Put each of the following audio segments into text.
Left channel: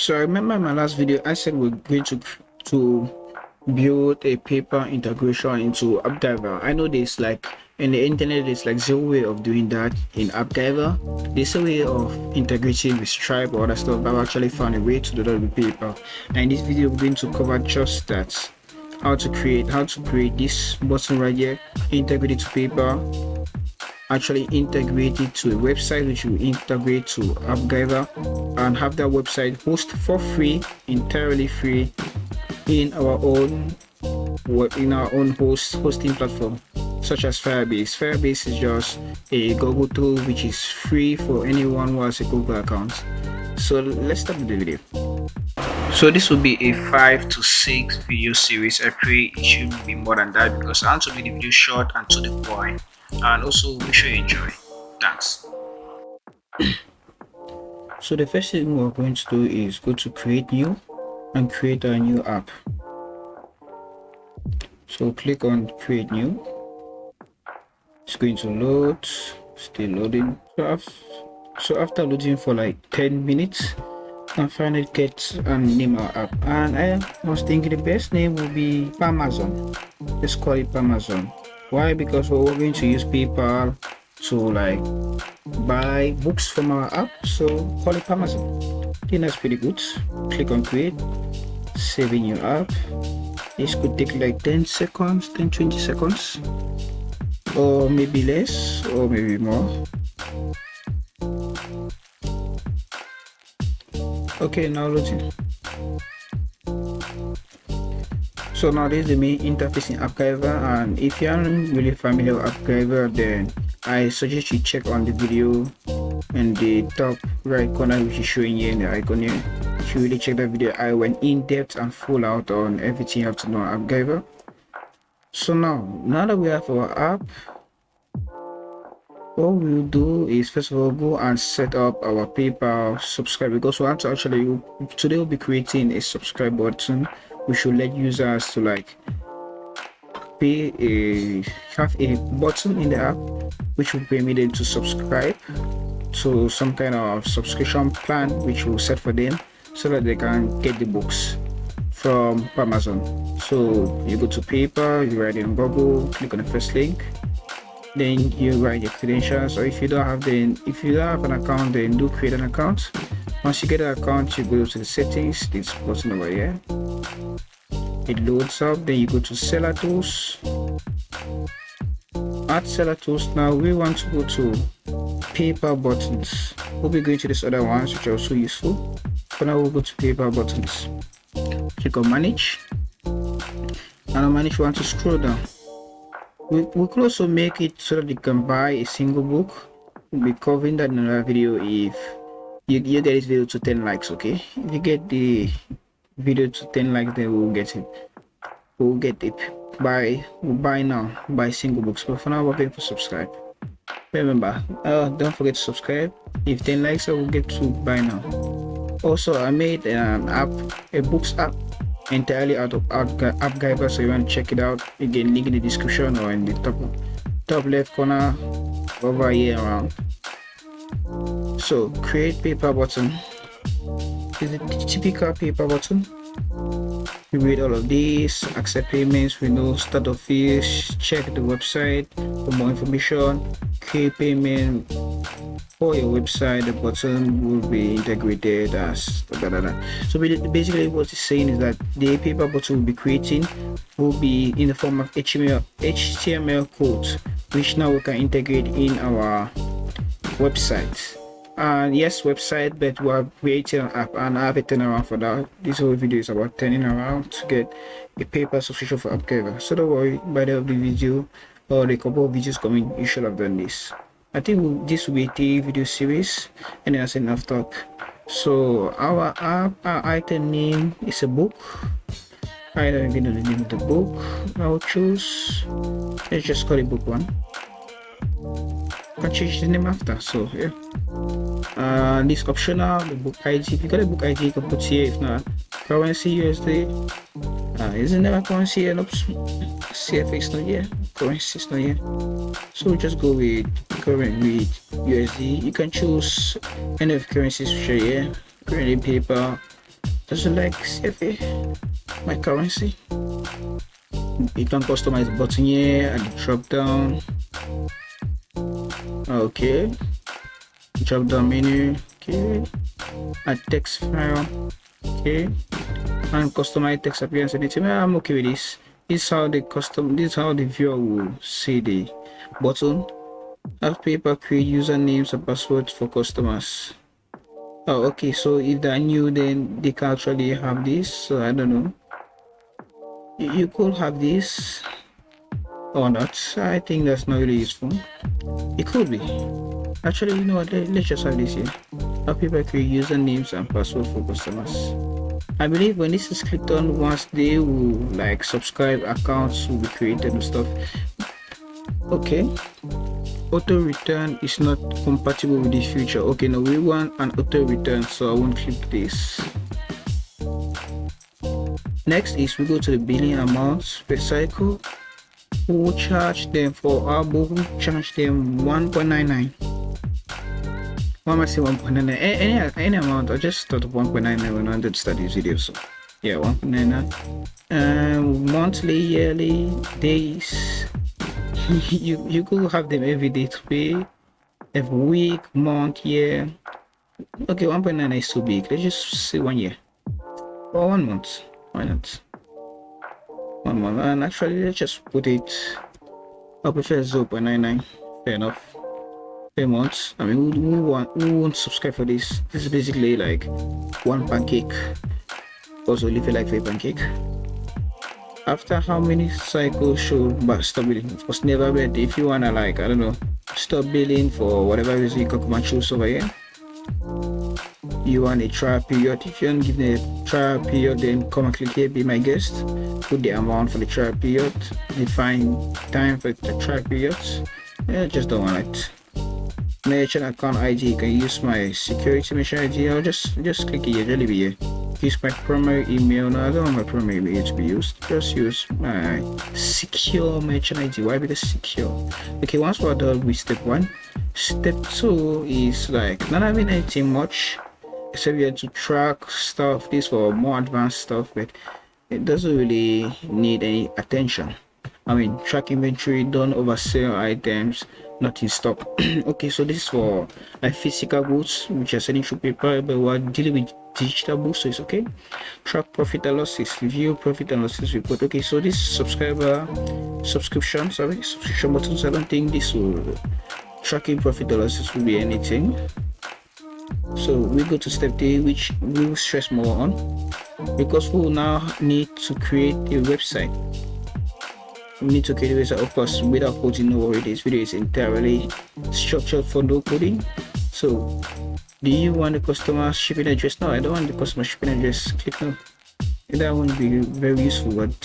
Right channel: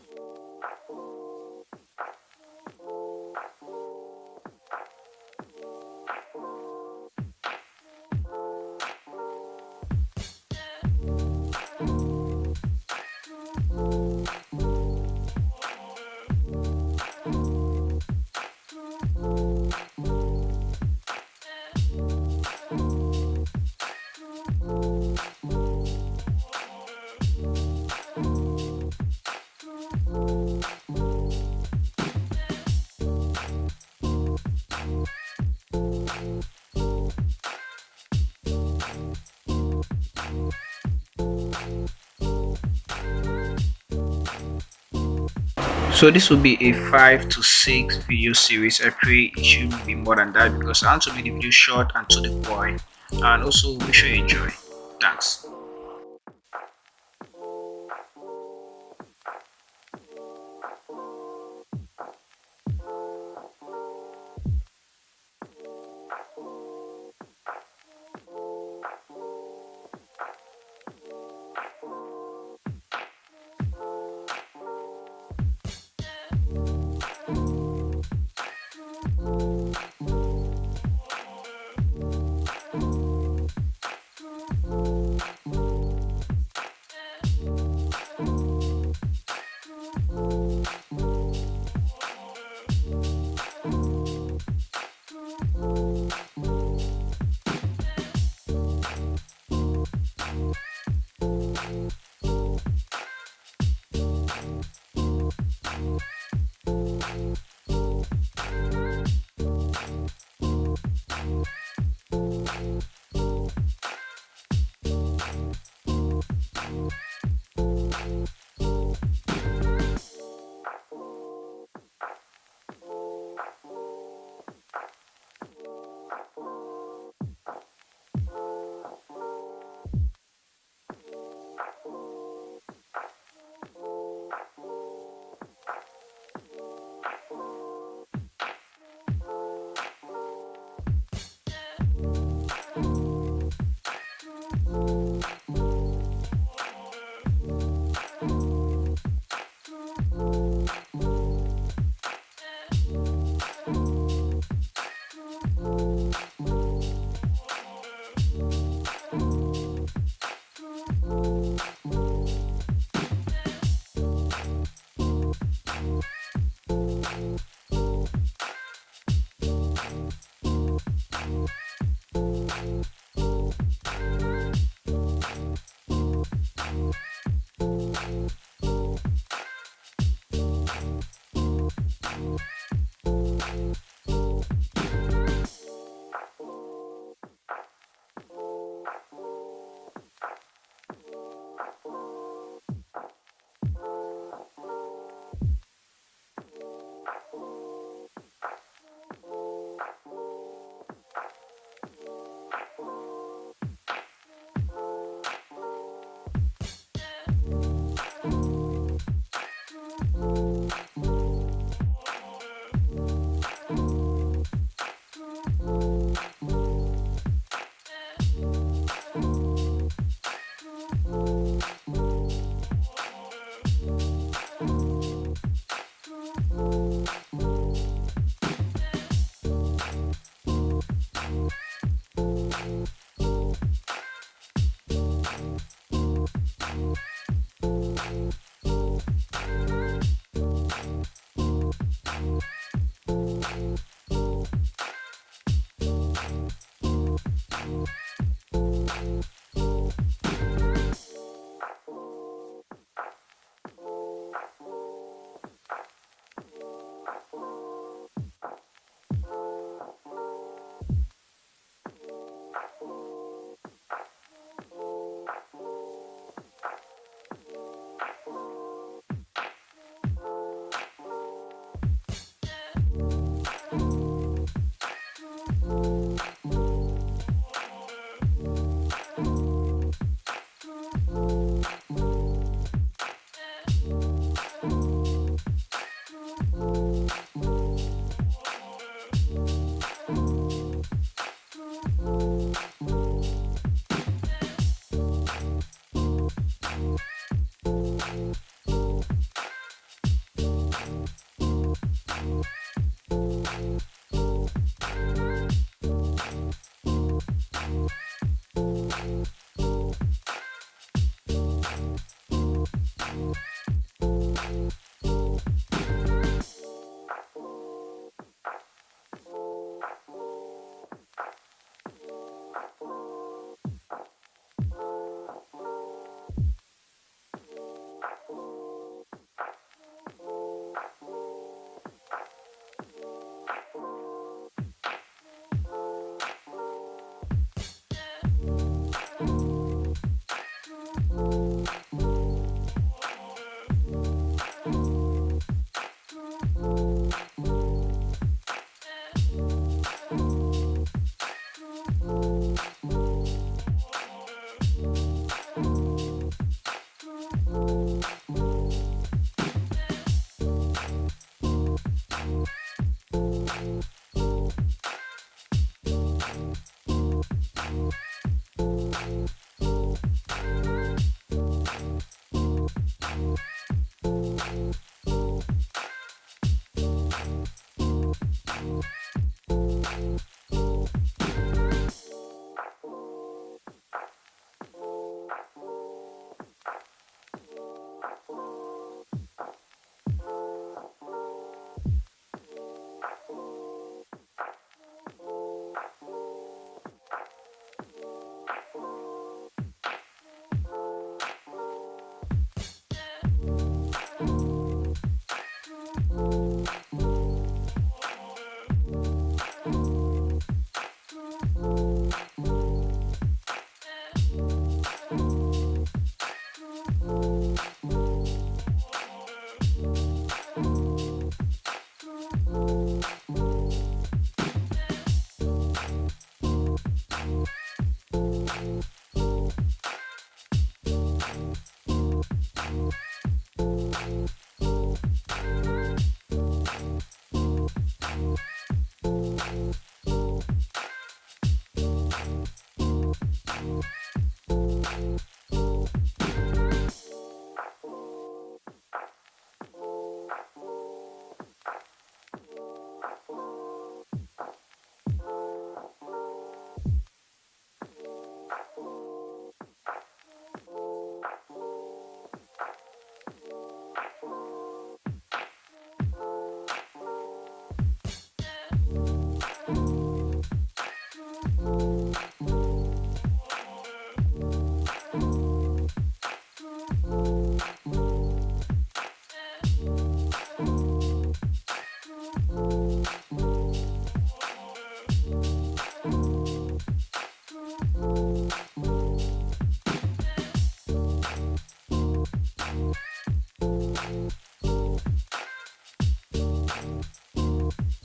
So I remember in my last video I said we're going to build a paper integration into Appgyver. I know there's like in the internet there's like zero way of doing that in Appgyver. There's a way of integrating with Stripe or other stuff, but I've actually found a way to do that with paper. And in this video we're going to cover just that. How to create this button right here, integrate it to paper, actually integrate it to a website which will integrate to Appgyver and have that website host for free, entirely free in our own hosting platform such as Firebase. Firebase is just a Google tool which is free for anyone who has a Google account. So let's start the video. So this will be a 5 to 6 video series. I pray it should be more than that because I want to make the video short and to the point, and also make sure you enjoy. Thanks. So the first thing we're going to do is go to create new and create a new app. So click on create new. It's going to load, still loading. So after loading for like 10 minutes, I finally get and name our app, and I was thinking the best name would be Amazon. Let's call it Amazon. Why? Because we're going to use PayPal to like buy books from our app, so call it Amazon. I think that's pretty good. Click on create, saving your app. This could take like 10 seconds, 10-20 seconds, or maybe less, or maybe more. Okay, now loading. So now this is the main interface in Appgyver, and if you aren't really familiar with Appgyver, then I suggest you check on the video in the top right corner which is showing you in the icon here. You should really check that video. I went in depth and full out on everything you have to know on Appgyver. So now that we have our app, what we'll do is first of all go and set up our PayPal subscribe, because we want to actually today we'll be creating a subscribe button which will let users to like have a button in the app which will permit them to subscribe to some kind of subscription plan which we'll set for them so that they can get the books from Amazon. So you go to PayPal, you write in Google, click on the first link, then you write your credentials, or if you don't have an account, then do create an account. Once you get an account, you go to the settings, this button over here, it loads up, then you go to seller tools, add seller tools. Now we want to go to PayPal buttons. We'll be going to these other ones which are also useful. For now we'll go to PayPal buttons, click on manage, and on manage we want to scroll down. We could also make it so that you can buy a single book. We'll be covering that in another video if you get this video to 10 likes. Okay, if you get the video to 10 likes, then we'll get it. We'll buy now, buy single books. But for now we're going to subscribe. Remember, don't forget to subscribe. If 10 likes, I will get to buy now. Also, I made an app, a books app, entirely out of Appgyver, so you want to check it out. Again, link in the description or in the top left corner over here around. So create PayPal button. Is the typical PayPal button. You read all of these, accept payments, we know start of fees, check the website for more information, create payment for your website. The button will be integrated as so basically what it's saying is that the PayPal button will be creating will be in the form of HTML code, which now we can integrate in our website. And yes, website, but we are creating an app, and I have a turnaround for that. This whole video is about turning around to get a PayPal subscription for Appgyver. So don't worry, by the end of the video or the couple of videos coming, you should have done this. I think this will be a 3-video series, and that's enough talk. So our app, our item name is a book. I don't even know the name of the book. I'll choose, let's just call it book 1. I'll change the name after. So yeah, this optional, the book ID. If you got a book ID, you can put here. If not, currency USD. Isn't there a currency here? Nope. CFA is not here. Currency is not here. So we'll just go with current with USD. You can choose any of the currencies which are here. Currently paper, doesn't like CFA, my currency. You can customize the button here and drop down. Okay, drop down menu. Okay, a text file. Okay, and customize text appearance anything. I'm okay with this. This is how the viewer will see the button. Appgyver create usernames and passwords for customers. Oh, okay, so if they're new, then they can actually have this. So I don't know. You could have this or not. I think that's not really useful. It could be. Actually, you know what? Let's just have this here. Appgyver create usernames and passwords for customers. I believe when this is clicked on, once they will like subscribe, accounts will be created and stuff. Okay, auto return is not compatible with this feature. Okay, now we want an auto return, so I won't click this. Next is we go to the billing amounts per cycle. We will charge them for our book, we charge them 1.99. Why am I saying 1.99? Any amount. I just thought of 1.99 when I did start this video. So yeah, 1.99. Monthly, yearly, days. you could have them every day to pay, every week, month, year. Okay, 1.99 is too big. Let's just say 1 year or 1 month. Why not? 1 month. And actually, let's just put it. I prefer 0.99. Fair enough. Per month. I mean, who won't subscribe for this? This is basically like 1 pancake. Also, leave it like 3 pancake. After how many cycles should stop billing? Of course, never bet. If you wanna like, I don't know, stop billing for whatever reason, you can come and choose over here. You want a trial period. If you don't give the trial period, then come and click here, be my guest. Put the amount for the trial period. Define time for the trial period. Yeah, just don't want it. Merchant account ID, you can use my security merchant ID, or just click here, just leave it here. Use my primary email. No, I don't want my primary email to be used. Just use my secure merchant ID. Why? Because secure. Okay, once we're done with step 1, step 2 is like not having anything much, except you have to track stuff. This for more advanced stuff, but it doesn't really need any attention. I mean, track inventory, don't oversell items, not in stock. Okay, so this is for like physical goods which are selling through paper, but we're dealing with digital books, so it's okay. Track profit and losses, review profit and losses report. Okay, so this subscription buttons, I don't think this will tracking profit or losses will be anything. So we go to step 3, which we will stress more on, because we will now need to create a website. We need to create a website, of course, without coding. No worry, this video is entirely structured for no coding. So do you want the customer shipping address? No, I don't want the customer shipping address. Click no. That won't be very useful with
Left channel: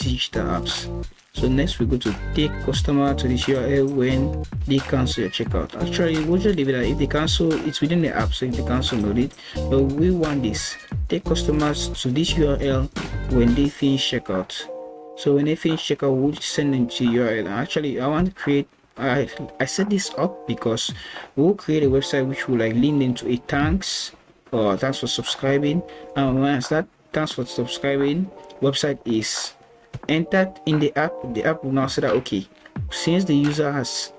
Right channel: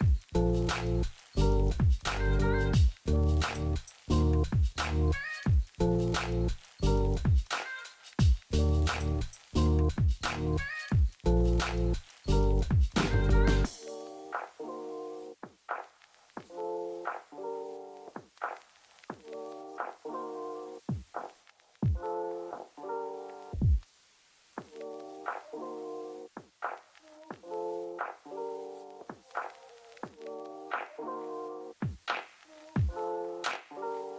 digital apps. So next we go to take customer to this URL when they cancel your checkout. Actually, we'll just leave it at if they cancel, it's within the app, so if they cancel, load it. But we want this. Take customers to this URL when they finish checkout. So when they finish checkout, we'll send them to URL. Actually, I want to create. I set this up because we'll create a website which will like link them to a thanks for subscribing. And once that thanks for subscribing website is entered in the app will now say that okay, since the user has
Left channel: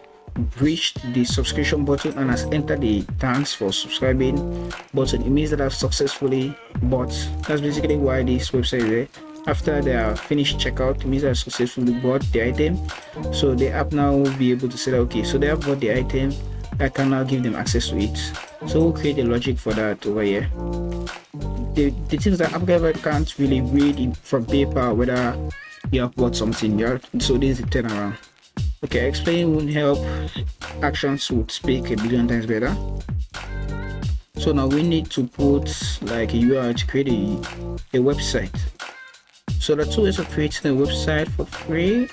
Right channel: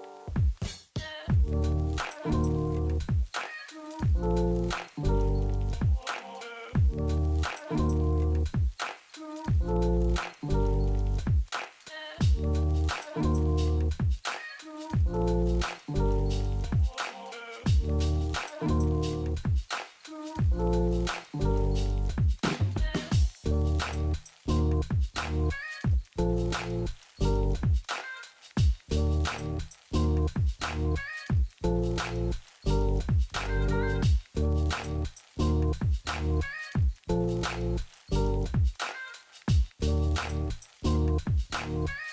reached the subscription button and has entered the thanks for subscribing button, it means that I've successfully bought. That's basically why this website is there. After they are finished checkout, it means they have successfully bought the item. So the app now will be able to say that okay, so they have bought the item, I can now give them access to it. So we'll create a logic for that over here. The things that Appgyver can't really read from paper whether you have bought something yet. So this is the turnaround. Okay, explain won't help. Actions would speak a billion times better. So now we need to put like a URL to create a website. So the two ways of creating a website for free